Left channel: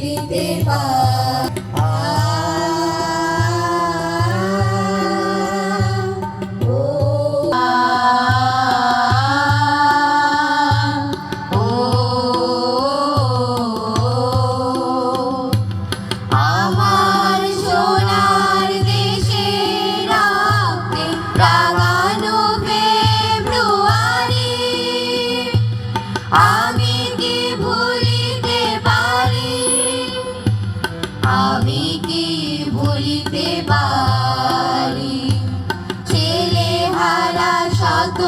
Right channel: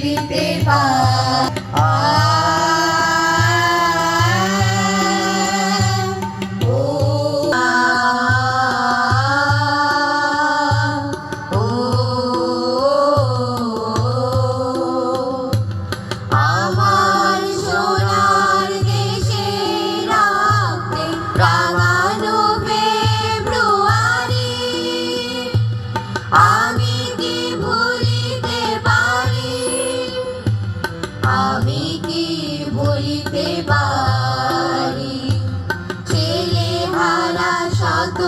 ভুলিতে পার। দিতে পারি। ছেলে হারা শত